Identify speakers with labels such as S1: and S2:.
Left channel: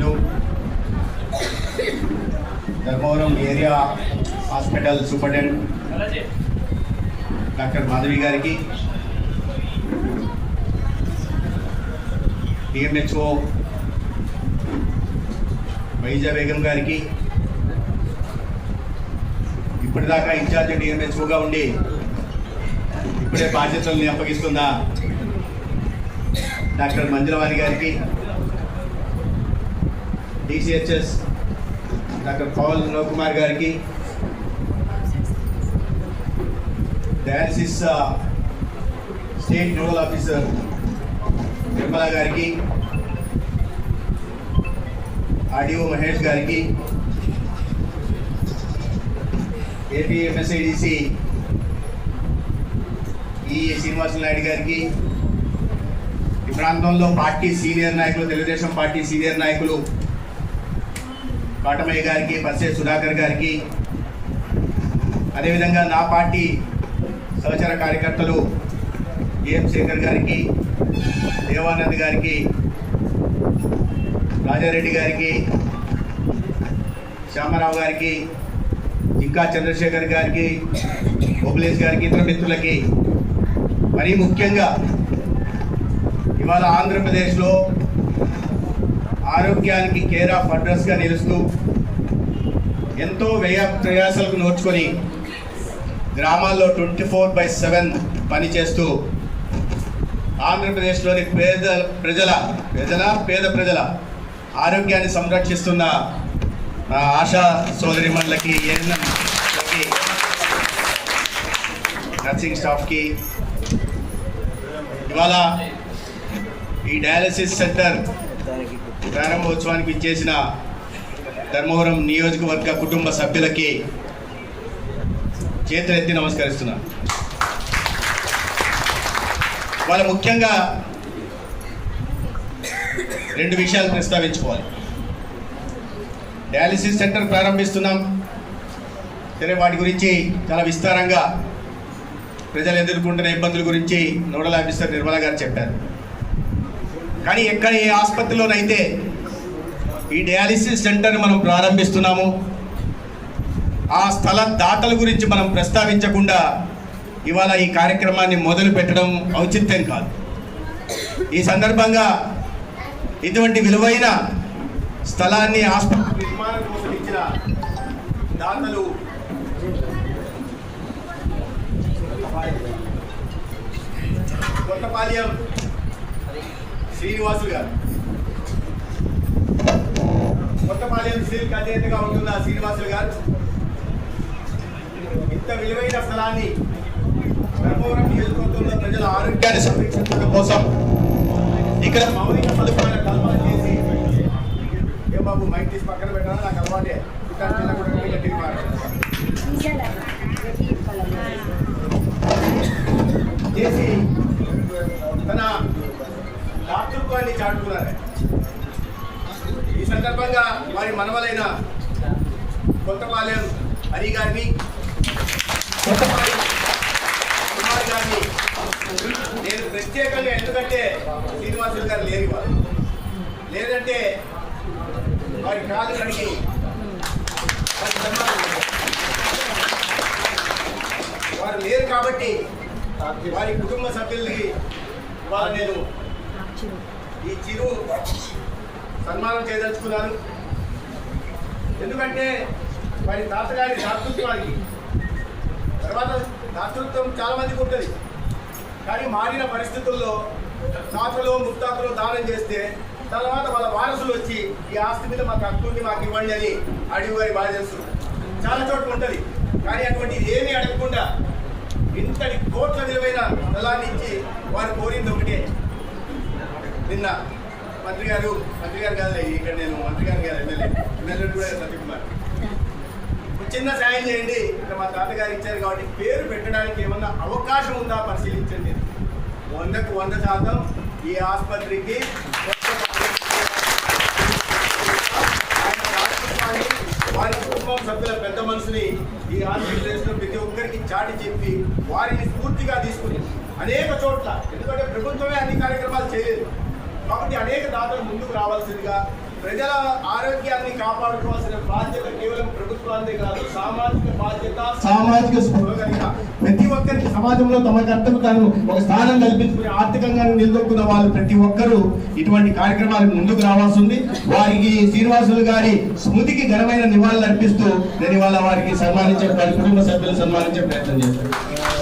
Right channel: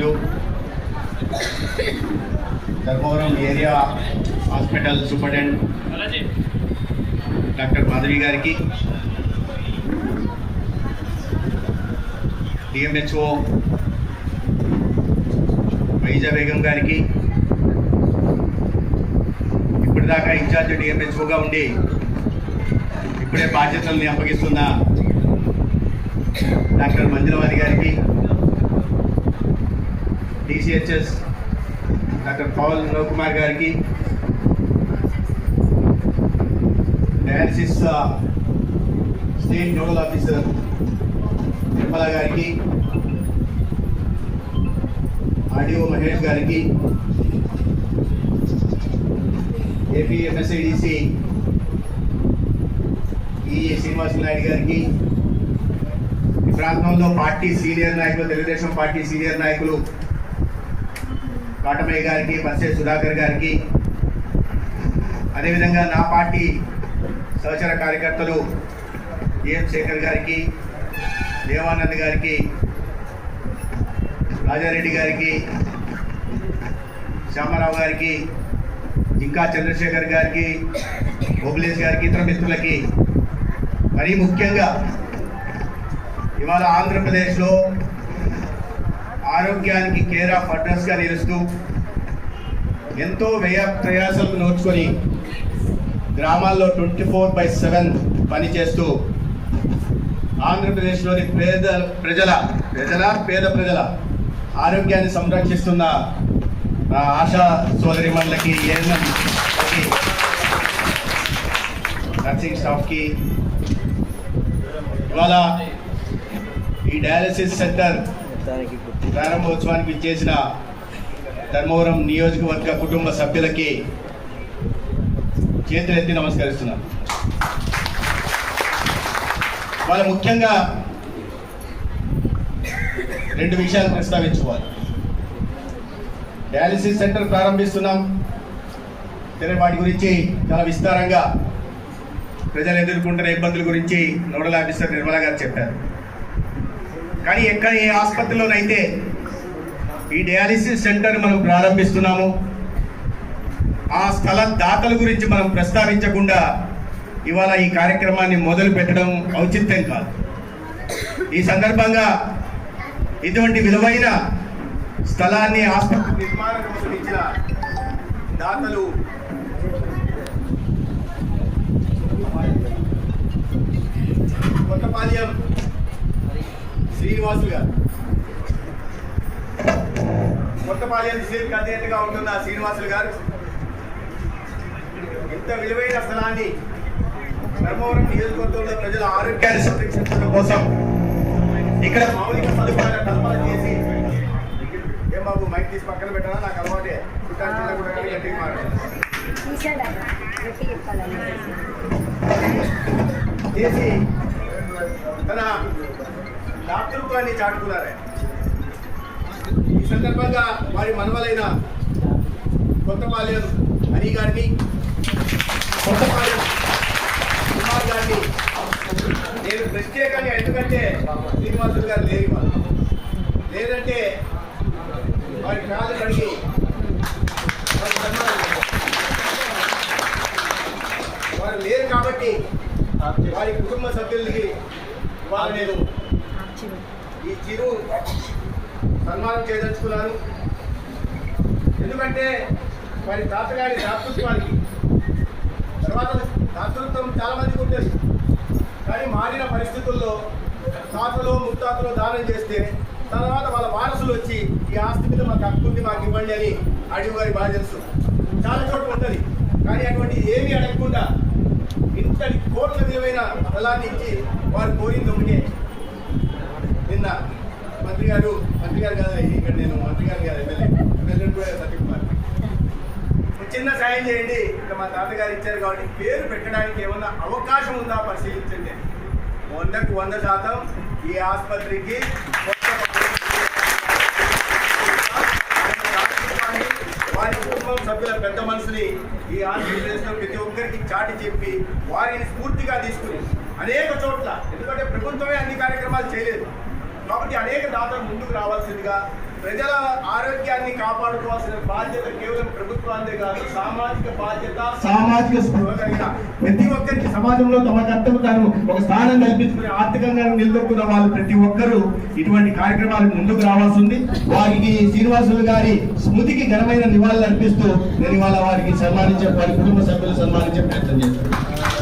S1: సభ్యులు Dharmavaram area hospital superintendent doctor Madhavi గారికి DMHO వైజా Begum గారికి ఇప్పటిదాకా ఇన్ఛార్జ్ డిఎంహెచ్ఓగా ఉండి ఇప్పుడే బాధ్యతల్ని అప్పగిస్తున్న డాక్టర్ మంజులవాణి గారికి డిసిహెచ్ఎస్ డాక్టర్ పవన్ కుమార్ గారికి dialysis uh, state nodal officer Nirmala గారికి ఆర్డీఓ మహేష్ గారికి ఏపీ ఎంఎస్ఐడిసి ఈ శ్రీనివాసులు నాయుడు గారికి ఈ ప్రాంతంలో పార్టీ సీనియర్ నాయకులు తెలుగుదేశం పార్టీ సీనియర్ నాయకులు కాటమయ్య గారికి బస్సే సుధాకర్ గారికి అదేవిధంగా నా పార్టీ సహచర కార్యకర్తలు ఏఎం శేఖర్ గారికి దేవానంద్ గారికి రాజారెడ్డి గారికి శ్యామారావు గారికి ఇంకా చంద్రశేఖర్ గారికి బొగ్లేష్ గారికి ఇతర మిత్రులకి మరీ ముఖ్యంగా ఇవాళ ఆంధ్రప్రదేశ్లో ఆరోగ్యానికి కేర్ ఆఫ్ గా నిలుస్తూ ఎంతో వ్యయ ప్రయాసాలు నోచుకొని గ్రామాల్లో ట్వంటీ ఫోర్ బై సెవెన్ పనిచేస్తూ ఆంధ్రప్రదేశ్లోని పేద ప్రజల ప్రజల పేద ప్రజల ఆరోగ్యాన్ని సంరక్షిస్తున్న ఆశా సోదరి మండలకి నర్సింగ్ స్టాఫ్కి ఇవాళ ఈ డయాలసిస్ సెంటర్ ప్రారంభోత్సవానికి ఇచ్చేసిన ధర్మవరం నియోజకవర్గ కుటుంబ సభ్యులకి చేతులెత్తి నమస్కరిస్తున్నాను వాళ్ళు ముఖ్యంగా రెండు విషయాలు ప్రస్తావించుకోవాలి డయాలిసిస్ సెంటర్ ప్రారంభిస్తున్నాం సరే వాటి గురించి చాలా విస్తారంగా ప్రజలు ఎదుర్కొంటున్న ఇబ్బందుల గురించి నోడల్ ఆఫీసర్ నిర్మలా గారు చెప్పారు కానీ ఎక్కడ ఏ ఆసుపత్రిలోనైతే ఈ డయాలిసిస్ సెంటర్ మనం ప్రారంభిస్తున్నాము ఆ స్థల దాతల గురించి మనం ప్రస్తావించకుండా ఇవాళ ఈ కార్యక్రమాన్ని మొదలు పెట్టడం ఔచిత్యం కాదు ఈ సందర్భంగా ఇటువంటి విలువైన స్థలాన్ని ఆసుపత్రి నిర్మాణం కోసం ఇచ్చిన దాతలు కొత్తపాలియం శ్రీనివాసులు గారు కొత్తపాలెం సీల్ అధ్యక్షుడిగా ఉంటున్న శ్రీనివాసులు గారు ఇంత విలువైన స్థలాన్ని ధర్మవరం నియోజకవర్గంలో ప్రజల ఆరోగ్యాన్ని సంరక్షించడం కోసం ఇక్కడ మౌలిక సదుపాయాల కల్పన చేసి ఏం బాబు మైక్ తీసి పక్కన పెట్టాలా నాకు అలవాటే పుట్టాను కూడా గట్టిగా చేసి తన డాక్టర్ చాటుకున్నారే ఈ సందర్భంగా వారి మనవలైన కొత్తపాలెం హరి గారిని కొత్తపాలెం కుమార్ గారిని నేను ప్రత్యేకంగా ఎందుకంటే శ్రీనివాసులు గారు లేరు వారు లేదంటే వారి కాళ్ళు కడిగి వారు లేరు కాబట్టి వారి కుటుంబ సభ్యులకి వారు నేను ఈ చిరు సన్మానం చేయదలుచుకున్నారు ఎందుకంటే వారి తాతగారి దాతృత్వానికి తర్వాత దాతృత్వం చాలా మందికి ఉంటుంది కానీ మారిన పరిస్థితుల్లో తాతలో ముత్తాతలో దానం చేస్తే తర్వాత వాళ్ళ వారసులు వచ్చి ఈ ఆస్తి మీద మాకు హక్కుంది మాకు ఇవ్వండి అని అడిగి వారి బాధ్యత చాలా చోట్ల ఉంటుంది కానీ అటువంటి ఏమీ అడగకుండా ఇంతటి కోట్ల విలువైన స్థలాన్ని ఇచ్చి వారు కోరింది ఒకటే నిన్న మంత్రి గారు మంత్రి గారు కాదు ఇక్కడ నేను మంత్రి గారు కాదు ఎమ్మెల్యే ఎమ్మెల్యే కూడా సత్యకుమార్ చిన్న సాయం చేయండి ఇక్కడ మా తాతగారు ఇచ్చారు కాబట్టి పేరు పెట్టడానికి ఏమన్నా అవకాశం ఉందా పరిశీలించండి వందకు వంద శాతం ఈ ఆసుపత్రికి సభ్యుల పెద్ద మనసుని ఈ ఆంధ్రప్రదేశ్లో ప్రతి ఒక్కరికి చాటి చెప్పి వారిని పూర్తిగా తీసుకుని అనేక చోట్ల ఎందుకంటే ప్రభుత్వమే అన్ని కార్యక్రమాలు చేయలేదు కాబట్టి అనేక దాతలు ముందుకు రావాల్సిందిగా ప్రజల ఆరోగ్యాన్ని కాపాడుకోవాల్సిన బాధ్యత కేవలం ప్రభుత్వాన్ని కాదు సామాజిక బాధ్యత సామాజిక ప్రతి ఒక్కరికి సమాజంలో తమ కర్తవ్యం తాను ఒక స్థానం కల్పించుకుని ఆర్థికంగా నిలదొక్కున్న వాళ్ళు ప్రతి ఒక్కరూ ఇటువంటి కార్యక్రమాలు ముందుకు రావాల్సి ఉంది వారికి శ్రీనివాసులు గారి స్మృతికి ఘనమైన నివాళులు అర్పిస్తూ నేను ఇవాళ వారికి సన్మానించే వారి కుటుంబ సభ్యులు సన్మానించే ప్రయత్నం చేస్తాను